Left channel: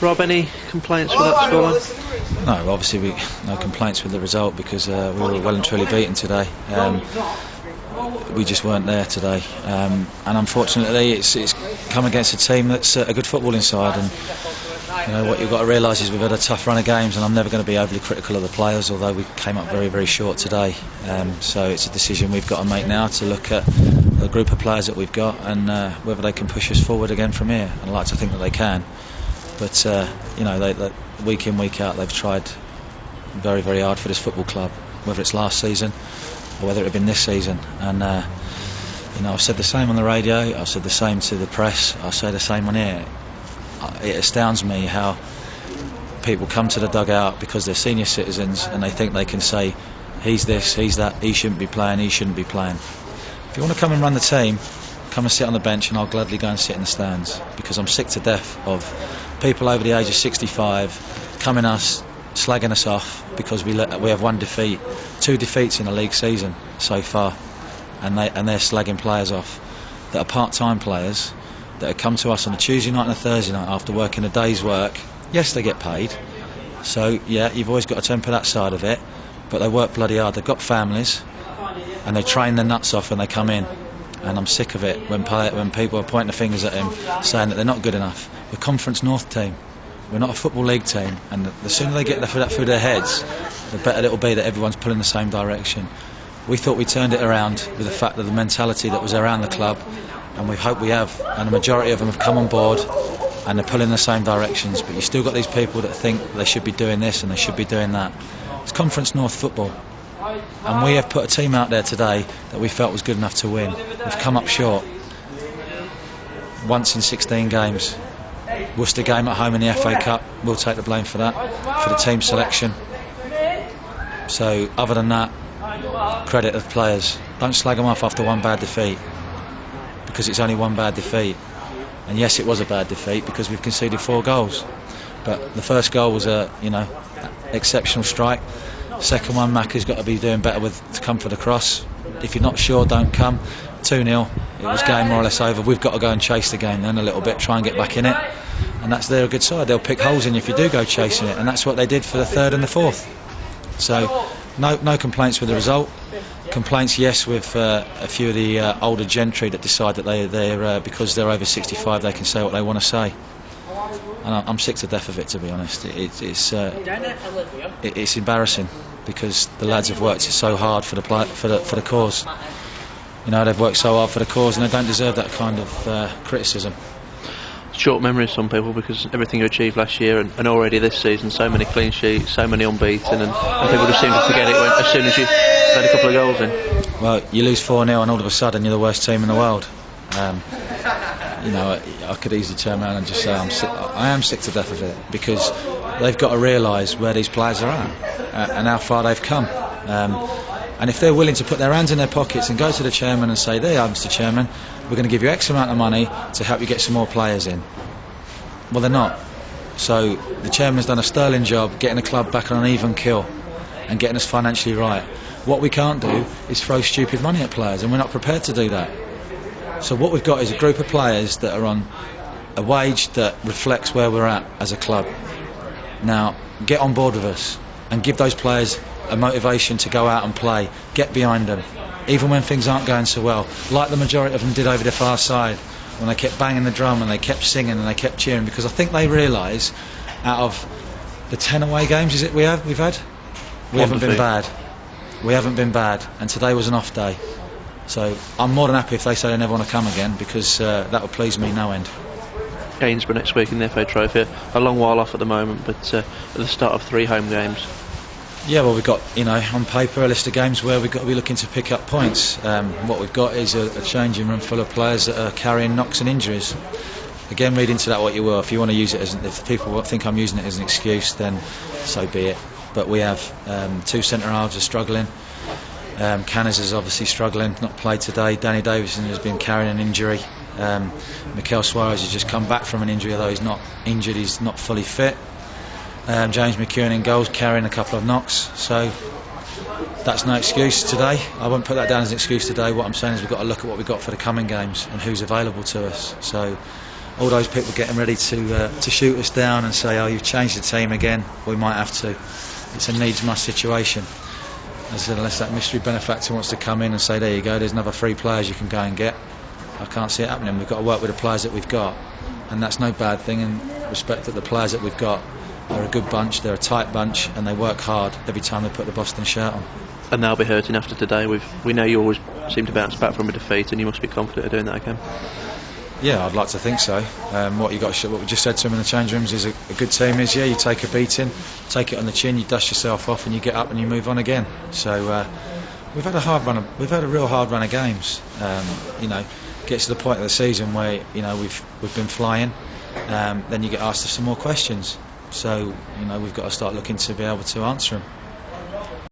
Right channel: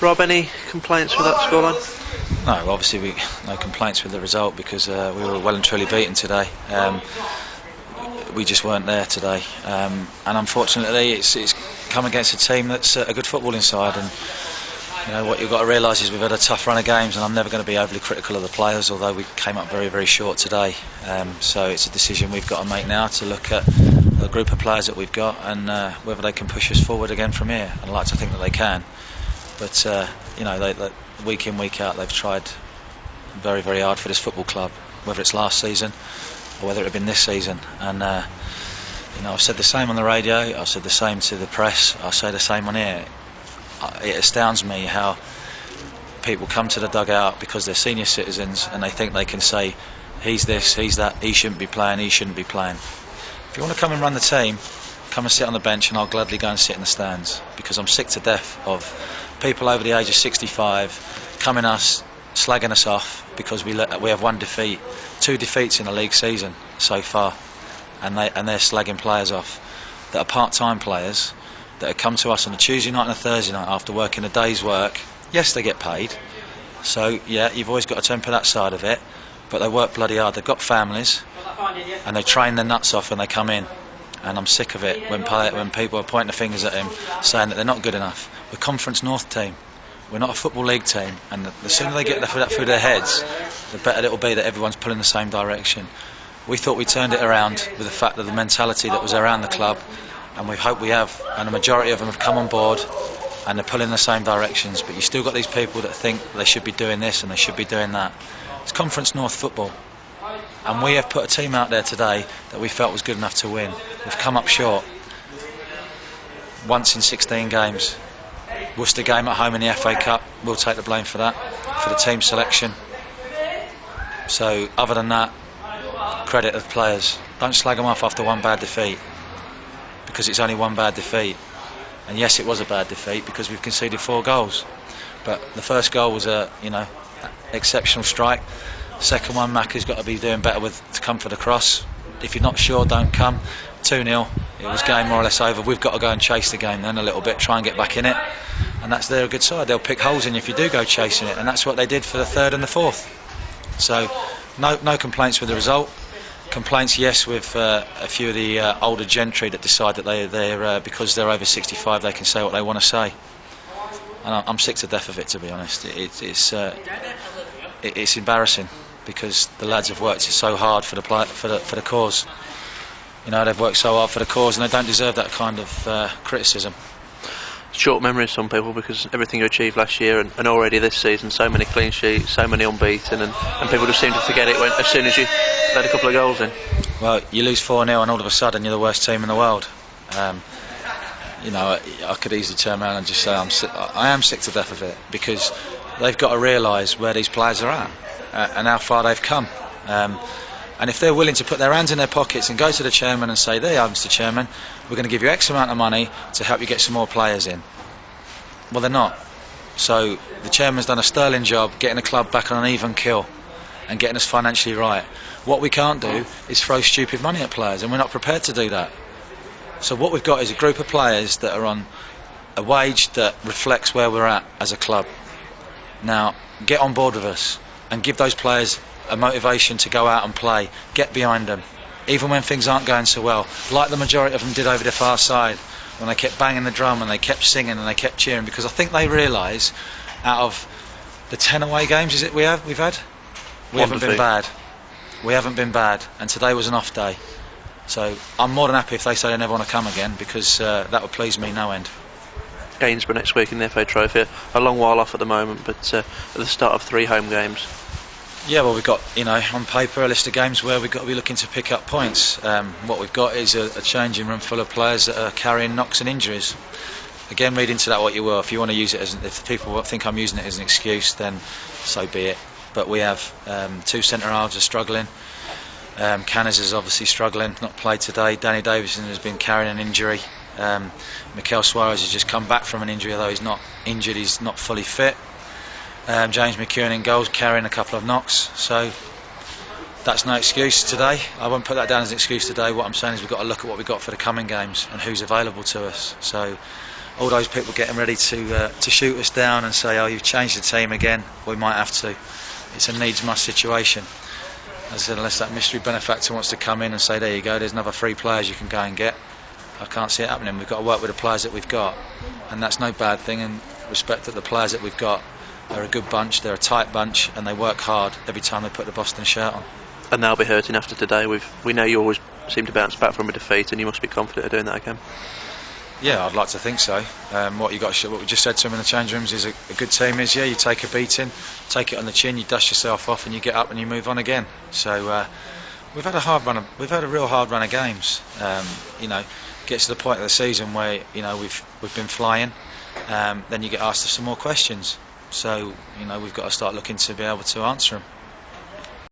Rob, any complaints with that scoreline? No, obviously no complaints with the result because we were well and truly beaten today. We just weren't there today, and unfortunately it's come against a team that's a good footballing side. And you know what you've got to realise is we've had a tough run of games, and I'm never going to be overly critical of the players, although we came up very, very short today. So it's a decision we've got to make now to look at the group of players that we've got and whether they can push us forward again from here. And I'd like to think that they can, but you know, they, week in, week out, they've tried very, very hard for this football club, whether it's last season or whether it had been this season. And you know, I've said the same on the radio, I've said the same to the press, I'll say the same on here. It astounds me how people come to the dugout because they're senior citizens and they think they can say, he's this, he's that, he shouldn't be playing, he shouldn't be playing. If you want to come and run the team, come and sit on the bench, and I'll gladly go and sit in the stands, because I'm sick to death of people over the age of 65 coming us, slagging us off because we have one defeat, 2 defeats in the league season so far, and they're slagging players off that are part-time players that have come to us on a Tuesday night and a Thursday night after working a day's work. Yes, they get paid, so yeah, you've always got to temper that side of it, but they work bloody hard. They've got families and they train their nuts off when they come in, and I'm sick of it when people are pointing their fingers at him saying that they're not good enough. We're Conference North team, we're not a Football League team, and the sooner they get that through their heads, the better it'll be that everyone's pulling the same direction. We thought we turned it around with the fact that the mentality that was around the club, and we hope we have, and the majority of them have come on board and they're pulling in the same directions. But you still got these people that think they should be doing this and they should be doing that. It's Conference North football, and we have put a team out there today that we felt was good enough to win. We've come up short once in 16 games. Worcester game at home in the FA Cup, we'll take the blame for that, for the team selection. So other than that, credit of players. Don't slag them off after one bad defeat, because it's only one bad defeat. And yes, it was a bad defeat because we've conceded 4 goals, but the first goal was a exceptional strike. Second one, Macca's got to be doing better to come for the cross. If you're not sure, don't come. 2-0, it was game more or less over. We've got to go and chase the game then a little bit, try and get back in it, and they're a good side. They'll pick holes in you if you do go chasing it, and that's what they did for the 3rd and the 4th. So no complaints with the result. Complaints, yes, with a few of the older gentry that decide that they're because they're over 65 they can say what they want to say, and I'm sick to death of it, to be honest. It's embarrassing because the lads have worked so hard for the cause. You know, they've worked so hard for the cause, and they don't deserve that kind of criticism. Short memories, some people, because everything you achieved last year and already this season, so many clean sheets, so many unbeaten, and people just seem to forget it as soon as you had a couple of goals in. Well, you lose 4-0 and all of a sudden you're the worst team in the world. You know, I could easily turn around and just say I am sick to death of it, because they've got to realise where these players are at and how far they've come. And if they're willing to put their hands in their pockets and go to the chairman and say, there you are, Mr. Chairman, we're going to give you X amount of money to help you get some more players in. Well, they're not. So the chairman's done a sterling job getting the club back on an even keel and getting us financially right. What we can't do is throw stupid money at players, and we're not prepared to do that. So what we've got is a group of players that are on a wage that reflects where we're at as a club. Now, get on board with us and give those players a motivation to go out and play. Get behind them, even when things aren't going so well, like the majority of them did over the far side, when they kept banging the drum and they kept singing and they kept cheering, because I think they realise, out of the 10 away games we've had, we haven't been bad. We haven't been bad, and today was an off day. So I'm more than happy if they say they never want to come again, because that would please me no end. Gainsborough next week in the FA Trophy, a long while off at the moment, but at the start of 3 home games. Yeah, well, we've got, on paper a list of games where we've got to be looking to pick up points. What we've got is a changing room full of players that are carrying knocks and injuries. Again, read into that what you will. If you want to use it if people think I'm using it as an excuse, then so be it. But we have 2 centre halves are struggling. Canners is obviously struggling, not played today. Danny Davison has been carrying an injury. Mikel Suarez has just come back from an injury, although he's not injured, he's not fully fit. James McEwen in goals, carrying a couple of knocks, so that's no excuse today. I won't put that down as an excuse today. What I'm saying is we've got to look at what we've got for the coming games and who's available to us. So all those people getting ready to shoot us down and say, oh, you've changed the team again, we might have to. It's a needs-must situation. As I said, unless that mystery benefactor wants to come in and say, there you go, there's another 3 players you can go and get, I can't see it happening. We've got to work with the players that we've got, and that's no bad thing, and respect that the players that we've got are a good bunch, they're a tight bunch, and they work hard every time they put the Boston shirt on. And they'll be hurting after today. We know you always seem to bounce back from a defeat, and you must be confident of doing that again. Yeah, I'd like to think so. What we just said to them in the change rooms is a good team is, yeah, you take a beating, take it on the chin, you dust yourself off, and you get up and you move on again. So we've had a real hard run of games. You know, get to the point of the season where we've been flying. Then you get asked some more questions. So we've got to start looking to be able to answer them.